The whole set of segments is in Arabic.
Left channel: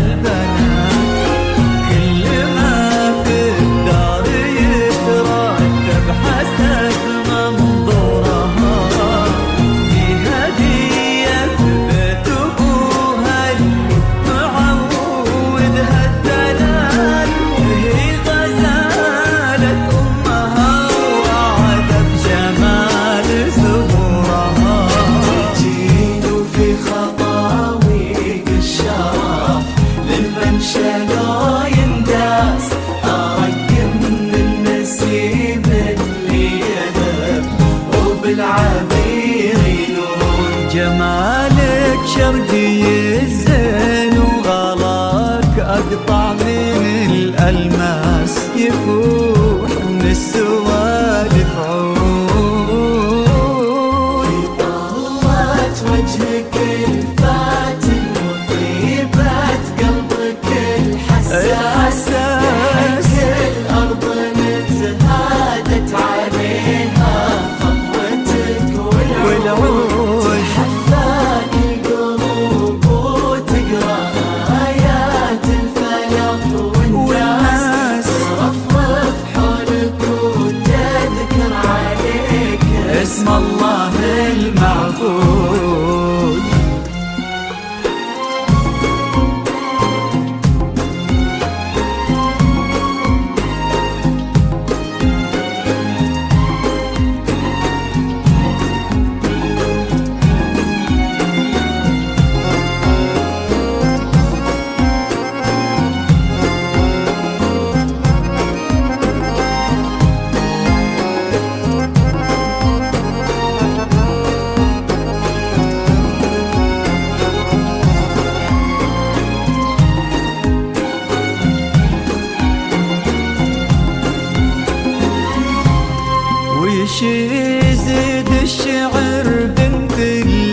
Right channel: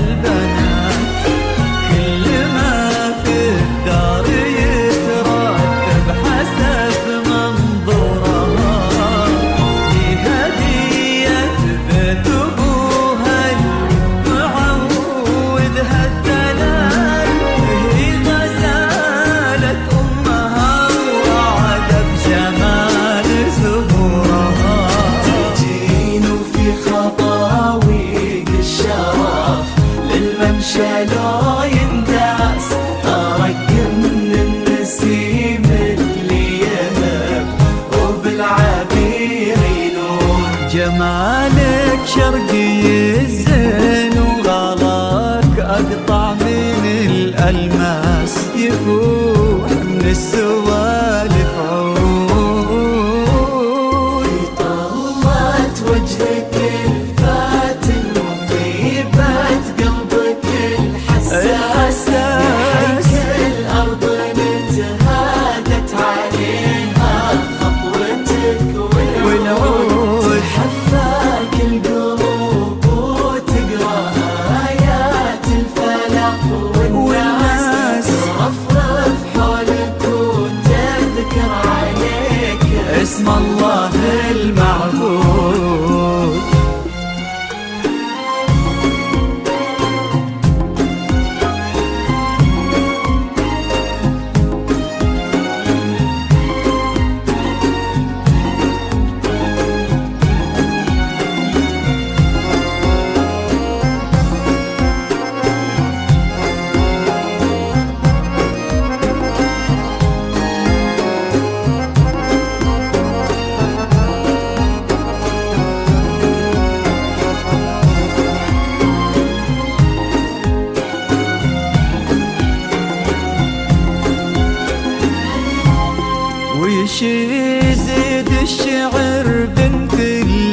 البنات، كل ما في الدار يترتب حسب منظورها، هي هدية بيت أبوها اللي معودها الدلال، هي غزالة أمها وأعذب جمال زهورها. تجين في خطاويق الشرف للممشى لو ينداس، أرق من النسيم اللي يهب وبالعبير يلون. جمالك شرقي الزين وغلاك أقطع من الألماس، يفوح من السوالف عود. طلت وجهك الفاتن وطيبة قلبك الحساس، الأرض نتهادت عليها خطوتك والعود. حفاق القلوب وتقرأ آيات الفلق والناس، رفرف حولك وتذكر عليك اسم الله المعبود. وش يزيد الشعر بنت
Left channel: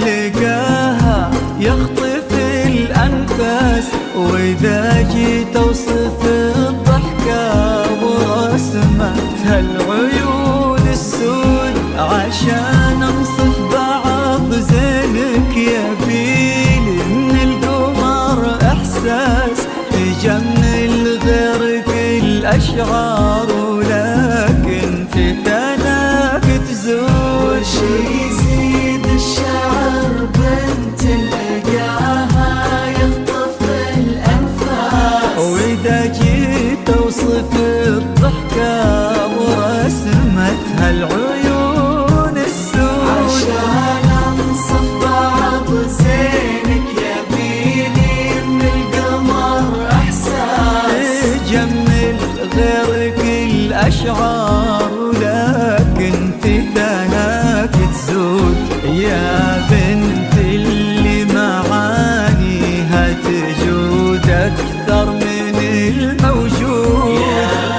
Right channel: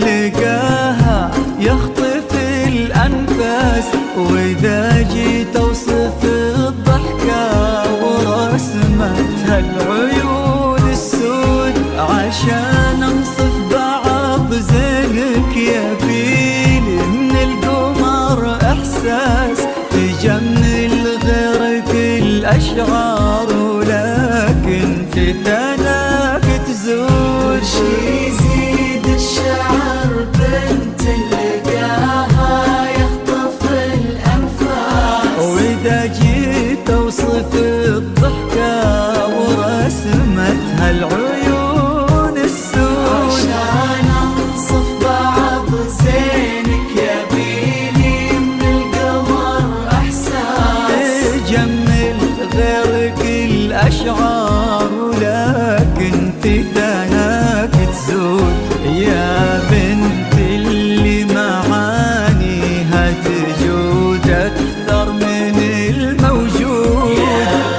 لقاها يخطف الأنفاس، وإذا جيت أوصف الضحكة ورسمتها العيون السود، عشان أنصف بعض زينك يبيلي من القمر إحساس، تجمل غيرك الأشعار ولكن في ثناك تزود. يزيد الشعر بنت لقاها يخطف الأنفاس، وإذا جيت أوصف الضحكة ورسمتها العيون السود، عشان أنصف بعض زينك يبيلي من القمر إحساس، تجمل غيرك الأشعار ولكن في ثناك تزود. يا بنت اللي معانيها تجود أكثر من الموجود،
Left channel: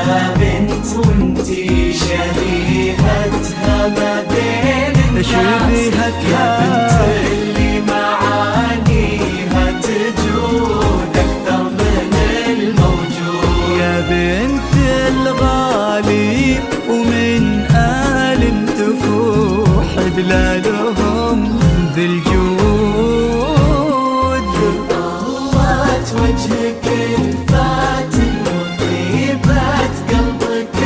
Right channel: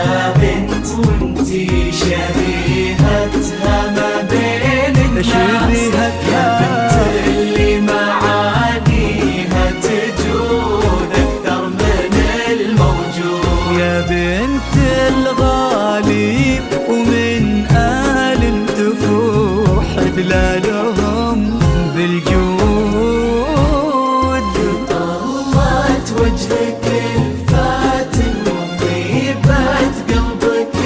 يا بنت وانتي شبيهتها ما بين شبيهتها اللي معانيها تجود أكثر من الموجود. يا بنت الغالي ومن آل تفوح دلالهم بالجود. طلت وجهك الفاتن وطيبة قلبك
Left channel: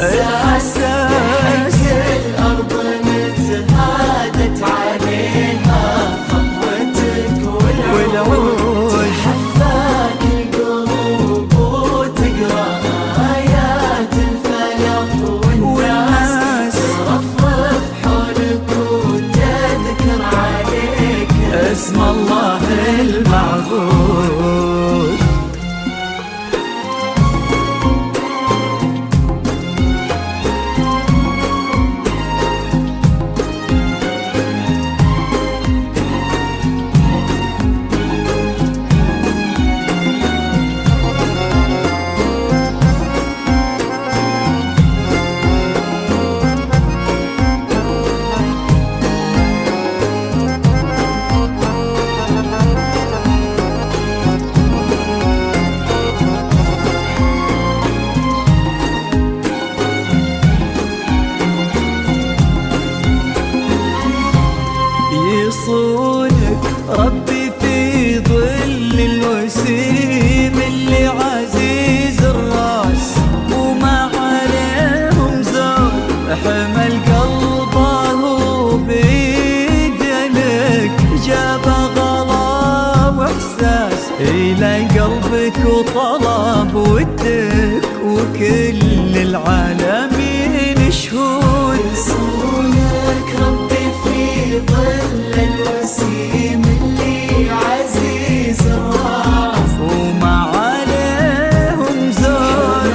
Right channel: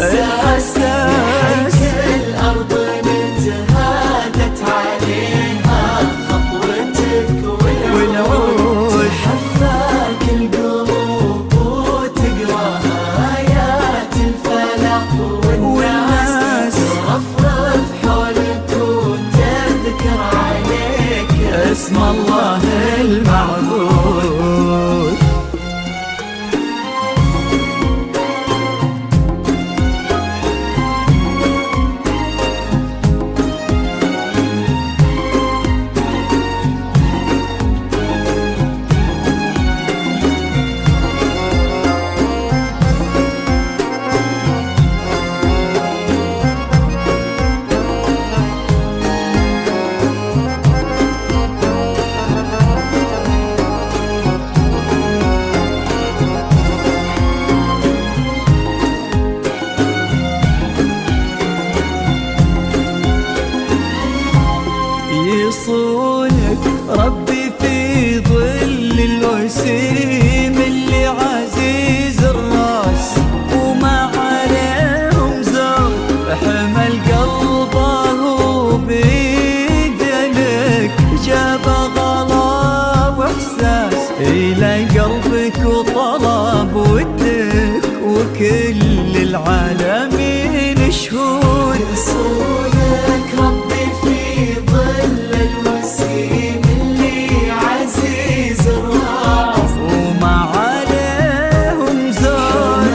الحساس، الأرض نتهادت عليها خطوتك والعود. حفاق القلوب وتقرأ آيات الفلق والناس، رفرف حولك وتذكر عليك اسم الله المعبود. لك ربي في ظل الوسيم اللي عزيز الراس وما عليهم زود، حمل قلبه بيدلك جاب غلا واحساس الى قلبك وطلب ودك وكل العالمين شهود. رسولك ربي في ظل الوسيم اللي عزيز الراس وما عليهم زود،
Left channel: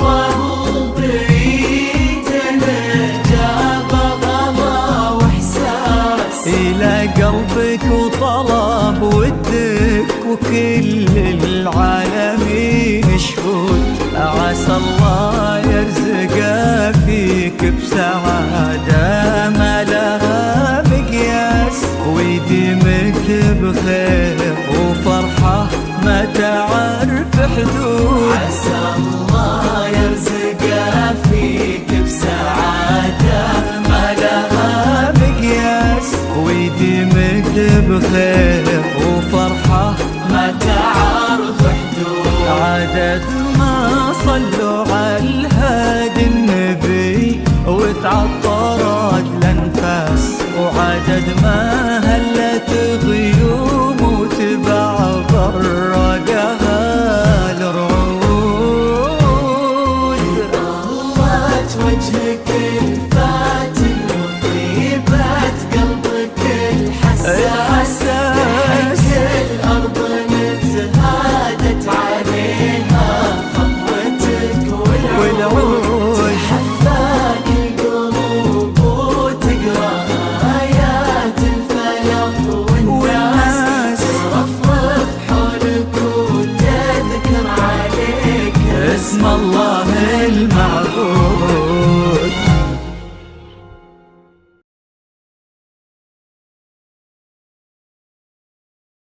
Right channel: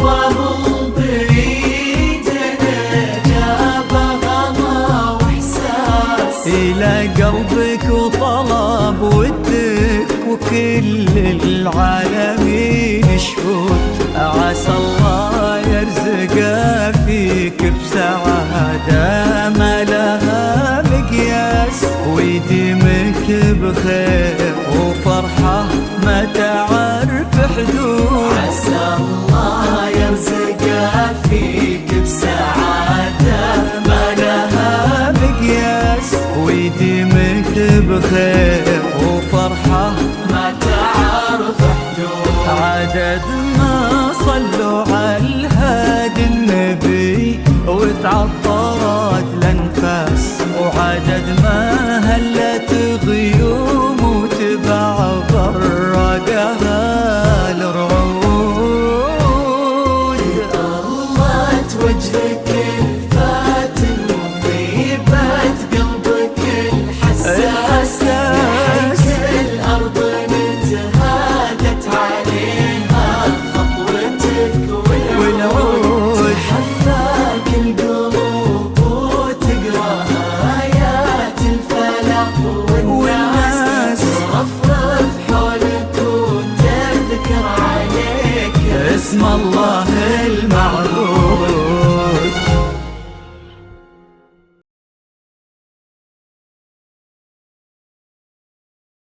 القلب بيدنا جاب غلا واحساس إلى قلبك وطلب ودك وكل العالمين شهود. عسى الله يرزق فيك بسعادة ما لها مقياس ويديمك بخير وفرحة ما تعرف حدود. عسى الله يرزق فيك بسعادة ما لها مقياس ويديمك بخير وفرحة ما تعرف حدود. عدد ما صلوا على الهادي النبي وتعطرت الانفاس، وعدد ما هلت غيوم وتبع برقها الرعود. طلت وجهك الفاتن وطيبت قلبك الحساس الأرض نتهادت عليها خطوتك والعود. حفاك القلوب وتقرأ آيات الفلاح والناس رفرف حولك وتذكر عليك اسم الله المعبود.